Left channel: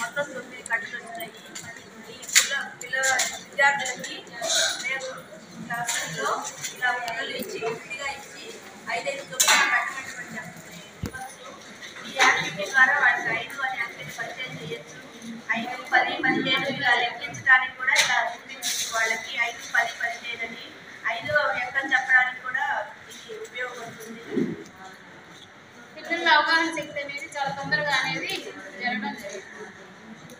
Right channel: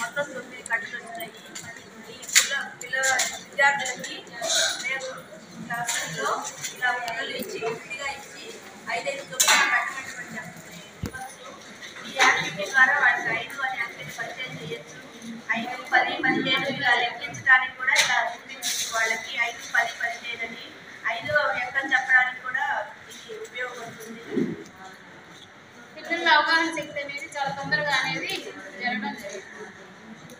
మొత్తం 9 కట్టలు వచ్చాయి. ఈ విద్యార్థులకి మేము క్లాసుల్లో ఇలా పిల్లలు ఇచ్చి పూర్తిగా ఇచ్చి 5-5 చొప్పున కట్టమని చెప్తున్నాయి. ఈ యాక్టివిటీ ద్వారా వాళ్ళకి 5 అనే యాక్టివిటీ పరిచయం చేయొచ్చు. 5, 10, 15 ఇలా లెక్కించడానికి కూడా ఇలా చూపించచ్చు. వాళ్ళకి 5, 10, 15 అని 5 ఎక్కని చెప్పడానికి కూడా ఇది ఉపయోగపడుతుంది. పిల్లల అవగాహన శక్తి అనేది చాలా తొందరగా అనేది జరగడం జరుగుతుంది.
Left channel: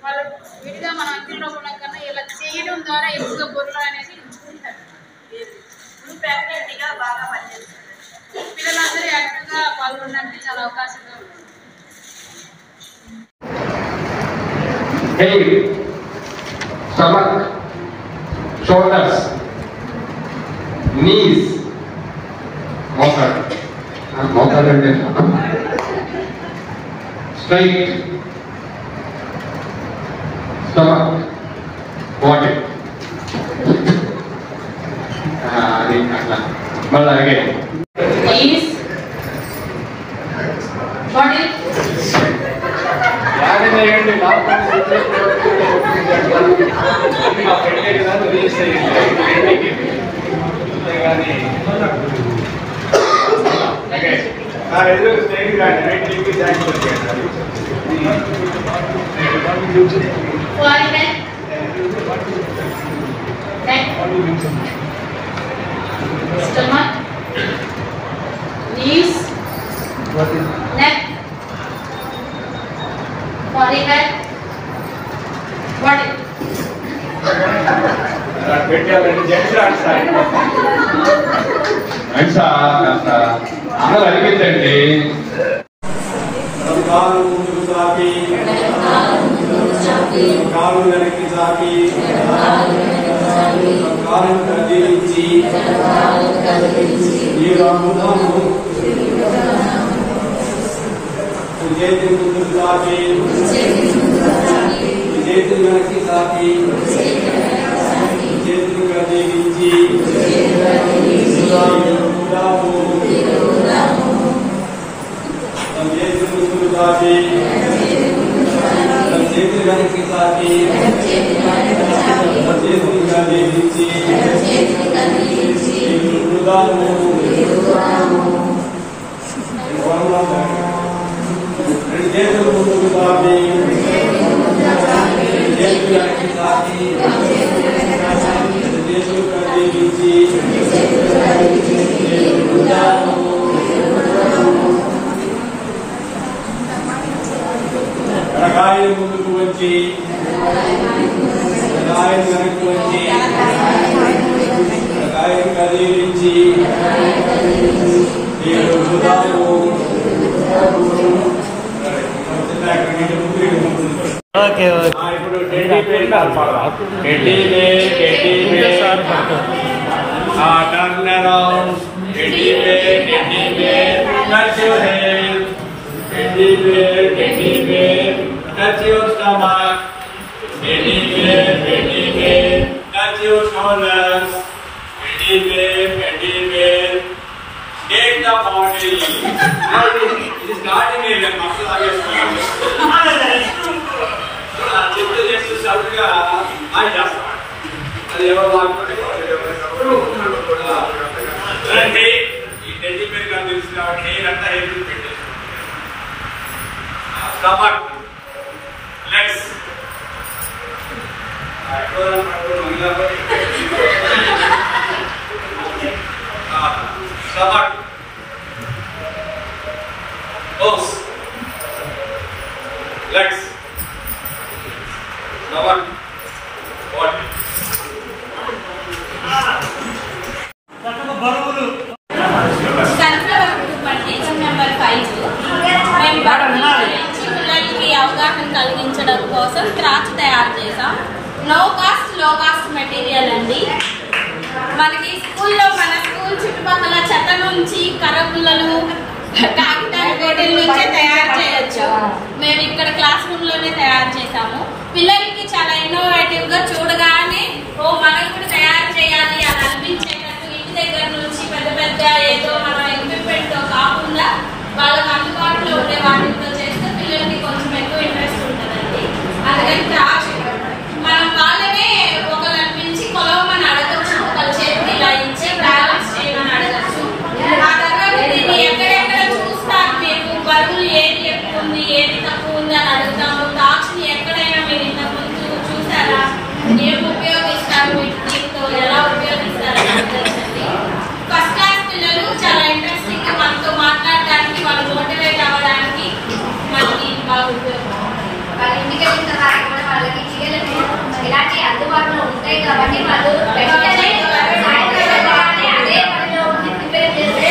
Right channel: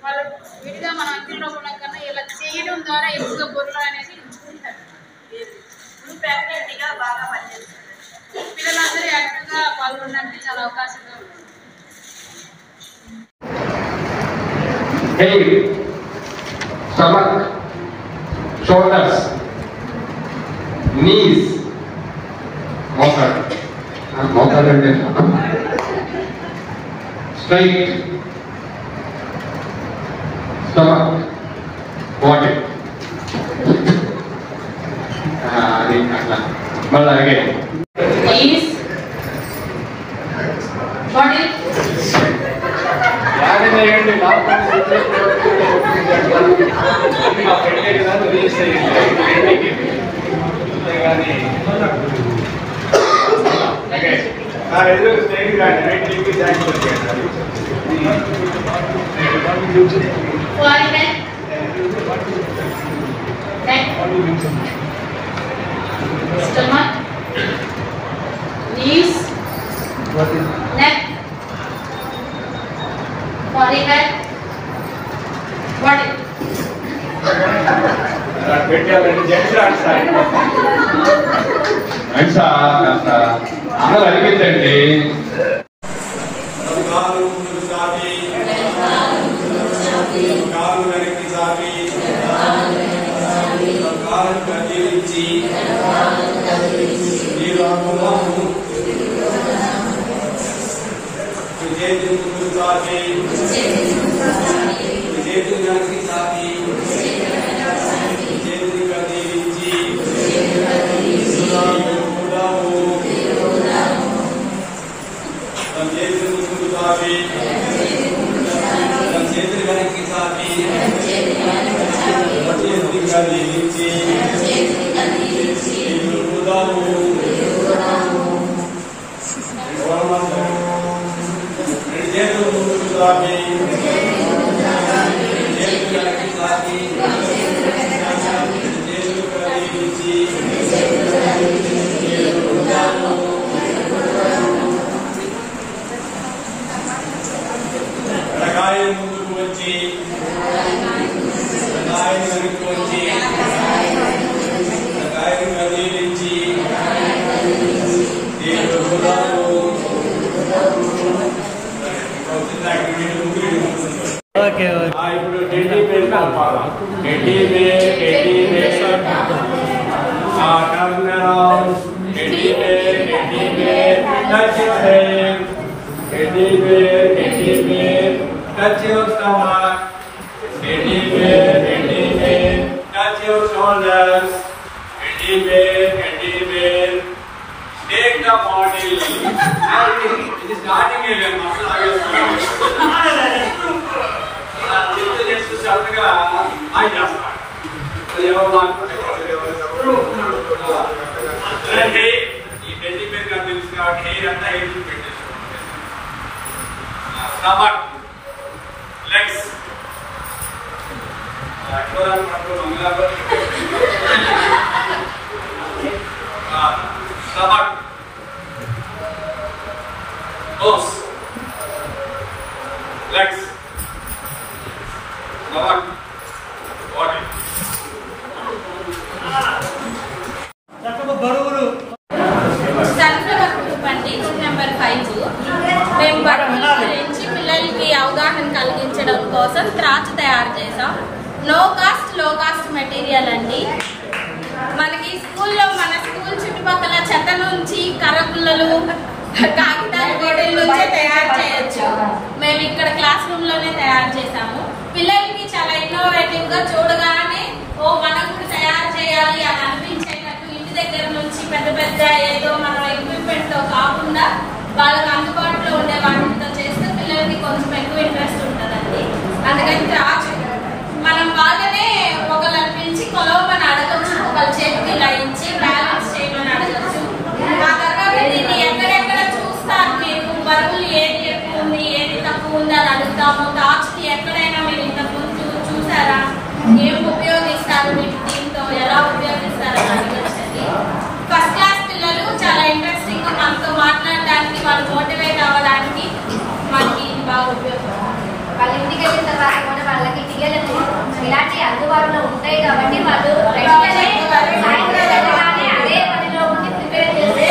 వాళ్ళు విడిగా మనం అంకిలో ఉన్న కన్నా ఇలా చేయడం ద్వారా ఎక్కువగా బుర్ర అనేది ఉంచుకుంటారు. గ్రూప్ యాక్టివిటీగా బాగా పనిచేస్తుంది. పిల్లలందరూ యాక్టివ్గా పాల్గొనడానికి చాలా అవకాశంగా ఉంటుంది. Stomach, shoulders, knees, mouth and straight, stomach, body. Again. Knees, body. Forehead, neck, stomach, knees, neck, forehead, body. అందరూ అడిగిందండి. కాలు ముందుకు సాపి కాలు వెనక్కి సాపి కాలు కదిలించి నీరు అమ్ముదాము చేతులు ముందుకు సాపి చేతులు వెనక్కి సాపి చేతులు కదిలించి అమ్ముదాము చేతులు ముందుకు సాపి చేతులు వెనక్కి సాపి చేతులు కదిలించి అమ్ముదాము రెండు చేతులు ముందుకు సాపి చేతులు వెనక్కి సాపి చేతులు కదిలించి అమ్ముదాము ఎడగాయలు ముందుకు వచ్చి ఎడగాయలు వెనక్కి వచ్చి ఎడగాయలు కదిలించి ఇప్పుడు teddy bear turn around teddy bear touch your head teddy bear touch your stomach, teddy bear, touch your shoulders, teddy bear, take the body. It is not in here, muscle again. Just something I just teddy bear can be hair and the head to fit. Stomach. Legs. Stomach. Nose. Legs. Stomach. Body. పిల్లలకి అవగాహన కలిగించడం కోసం త్రాచు తయారు చేసాం. No cost లో cost material అండి. మనకి స్కూల్లో మన స్కూల్ చుట్టుపక్కల చెత్త నుంచి కర్రపుల్లలు కాగితాల గోడల నుంచే తయారు చేయొచ్చు. మేము ఇక్కడ క్లాస్ రూమ్ లోనే తయారు చేసాము. పిల్లలకి చాలా ఇన్నోవేటివ్ గా చూడగానే మనం కూడా తయారు చేయాలి అని అనిపించేటట్టు ఇంటి దగ్గర నుంచి పెద్ద పెద్ద ఏదో మనం ఎక్విప్మెంట్ తో కాకుండా వాళ్ళకి అందుబాటులో అడుగుతాము. టార్చ్ని ఎక్కడైనా మీరు ఇంతకుముందు చూసారా, ఏం ఉపయోగిస్తారు, దీంతో ఎలా ఉపయోగిస్తారని అర్థించండి. ఫస్ట్ క్లాస్ పిల్లలు చాలా ఇంట్రెస్టింగ్గా మనతో మాట్లాడడానికి, వాళ్ళు మోటివేట్ అవ్వడానికి మనకి బాగా ఉపయోగపడుతుంది. వాళ్ళ ఇంటికి వెళ్ళిన తర్వాత కూడా వాళ్ళకి టీఎల్ఎం ఇలాంటి అందుబాటులో ఉంటాయి కాబట్టి వాళ్ళు వెంటనే అదే పనిలో ఉండి ప్రిపేర్ చేసి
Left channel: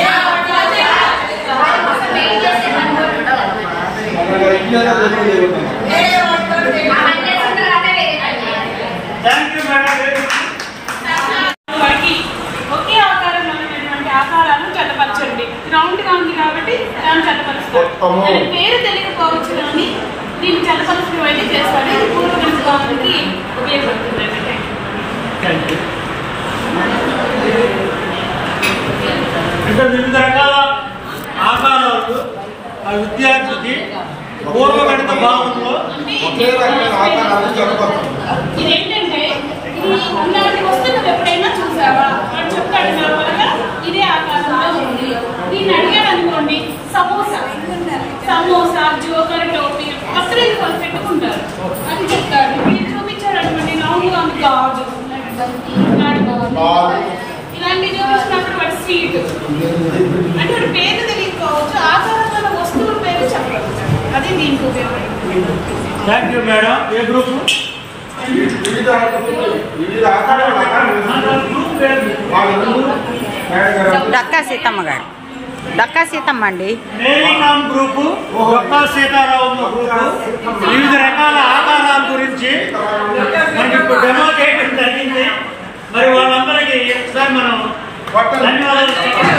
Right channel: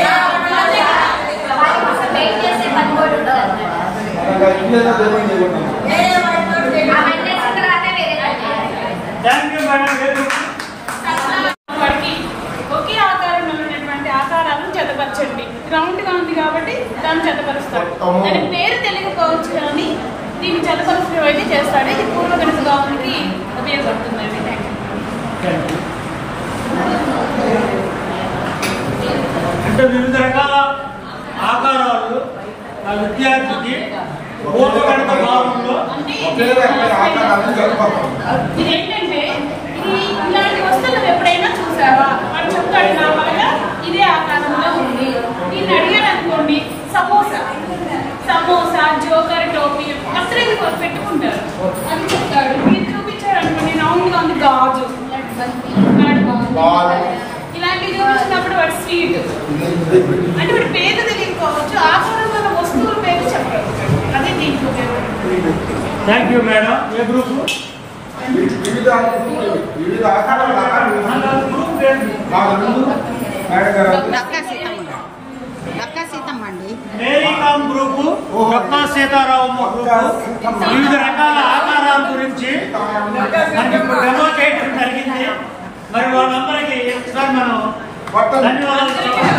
వెయిట్ చేసే పని కూడా ఉంటుంది వారికి ఒకే ఆకారంలో ఉన్నటువంటి ఆకారాలను జతపరచండి. రౌండ్గా ఉంది కాబట్టి దాన్ని జతపరుస్తారు. దాని పేరు తెలియకపోవచ్చు కానీ దీన్ని జతపరచడం అయితే చేస్తారు. ఇది పూర్వగణిత భావానికి ఉపయోగపడుతుంది. అంటే వివిధ రకాల ఆకారాలు ఆ విద్యార్థికి పూర్వగణిత భావంలో ఇదేంటంటే ఇలాంటి వస్తువులు ఎప్పుడైనా చూసావా వాడు చెప్తాడు, నార్మల్గా ఇదే ఆకారంలో ఉంది. దీన్ని అడిగాడు అనుకోండి, సమోసా జోకర్ టోపీ వస్త్రాలు వాళ్ళు పెట్టుకుంటారు, అది చెప్తాడు. మీరు చూపించారు అనుకోండి, రౌండ్గా ఉంది గాజు, ఇలాంటివి చూపించినప్పుడు వాడు స్వీట్ అంటే వాడి పేరు తెలియకపోవచ్చు, ఆకారం వల్ల వస్తువుల పేరు చెప్పగలుగుతాడు. అది దీనికి ఉపయోగపడుతుంది. Thank you madam. ఏ గ్రూప్? డక్కా సీతమ్మ గారు, డక్కా సీతమ్మ అండి. మేరీకామ్ గ్రూప్, డొక్కా సీతారామమ్మ గ్రూప్ వివిధ రకాల ఆకారాల గురించి మనకి ఇప్పుడు డెమో చేయడం జరిగింది. మరి వాళ్ళందరికీ ఒకసారి మనం ధన్యవాదాలు చెప్పండి.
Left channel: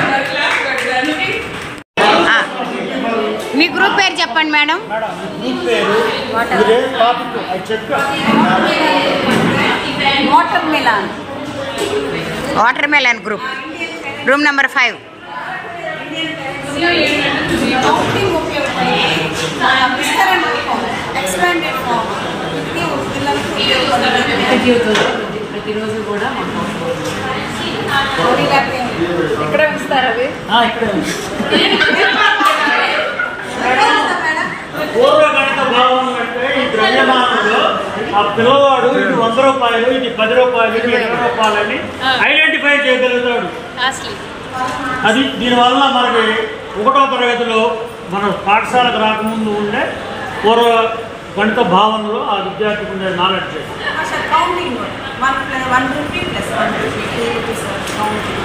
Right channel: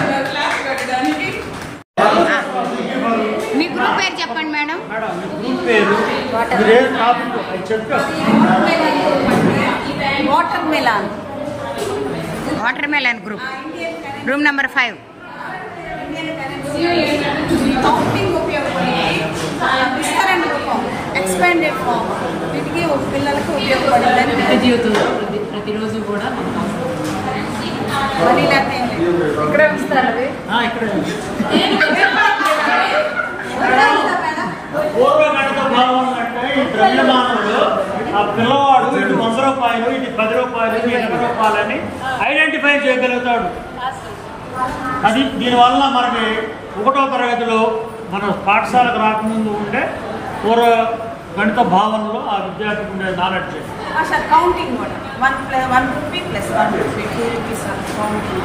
మీ గ్రూప్ పేరు చెప్పండి మేడం. గ్రూప్ పేరు water melon group, room number 5. Counting ఉపయోగపడి విస్తరణ రూపం, ఎక్స్పాండెడ్ ఫామ్, ఇది పిల్లలకు ఉపయోగపడుతుంది. ప్రతిరోజు కూడా ఇక్కడే వస్తారు అవి. పూర్వగణిత భావం అంటే ఈ ద్రవ్యమానంలో ఆ పిల్లవాడు ఇది 100 రూపాయలు, ఇది 10 రూపాయలు, ఇది 20 రూపాయలు అని ఐడెంటిఫై చేయగలుగుతాడు. అది దీనివల్ల మనకి 1వ తరగతిలో మన పాఠశాలకు రాకముందు ఉండే పూర్వ గణిత భావనలో ఆ విద్యార్థికి ఉండే నాలెడ్జ్. సార్ కౌంటింగ్ కూడా 1 rupee plus 1 rupee 2 rupees counting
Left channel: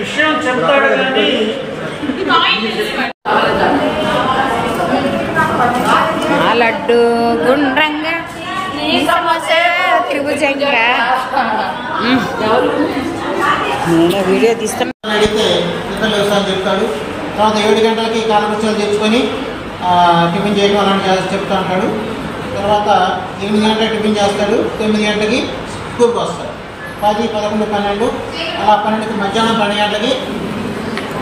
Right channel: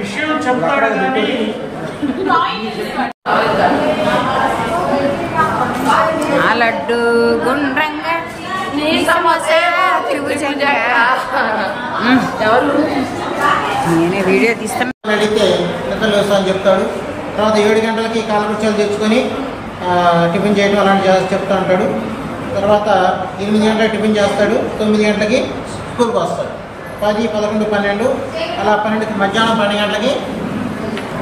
విషయం చెప్తాడు కానీ ఆ లడ్డు గుండ్రంగా, సమోసా త్రిభుజంగా. నేనే వీడియో తీస్తాను. అడిగితే నిద్ర లేస్తాను చెప్తాడు. తర్వాత 7 గంటలకి కాలకృత్యాలు తెచ్చుకొని టిఫిన్ చేయడం అలాంటి చెప్తా ఉంటాడు. తర్వాత 8 గంటలకు టిఫిన్ చేస్తాడు. 9 గంటలకి స్కూల్కి వస్తాడు. 10, 11, 12 అలా 12కి మధ్యాహ్నం 12 గంటలకి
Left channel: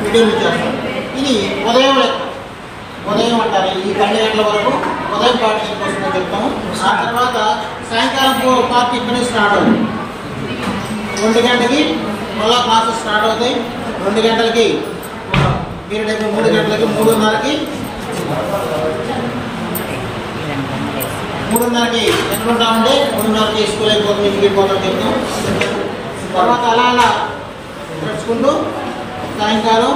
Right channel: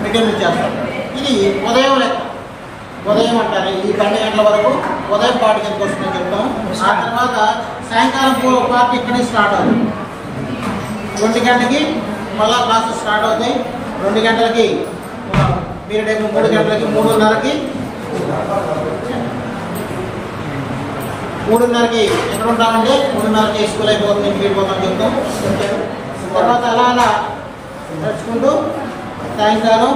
రిటర్న్ చేస్తాడు. ఇది ఉదయం ఉదయం అంటారు. ఈ 12 గంటల వరకు ఉదయం పార్టీ ఎందుకు వస్తుందని చెప్తాము. ఆ తర్వాత సాయంకాలం పార్టీ ఇక్కడి నుంచి స్టార్ట్ అవుతుంది. 2 గంటలకి మళ్ళా క్లాసెస్ స్టార్ట్ అవుతాయి. 2 గంటలకి మీరు 3 గంటలకి 3:30కి ఎక్కడ ఉంటామంటే 3:30కి స్కూల్ అయిపోతుంది, ఇంటికి వెళ్ళిపోతాం చెప్తాం. తర్వాత అలా నడుచుకుంటూ సాయంకాలం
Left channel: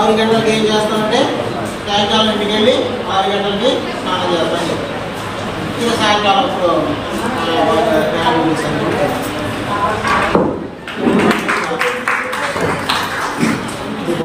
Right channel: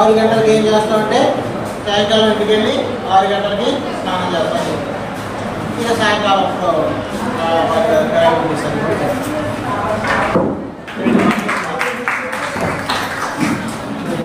6 గంటలకి ఏం చేస్తామంటే సాయంకాలం ఇంటికి వెళ్ళి 6 గంటలకి స్నానం చేస్తాం. ఇక సాయంకాలం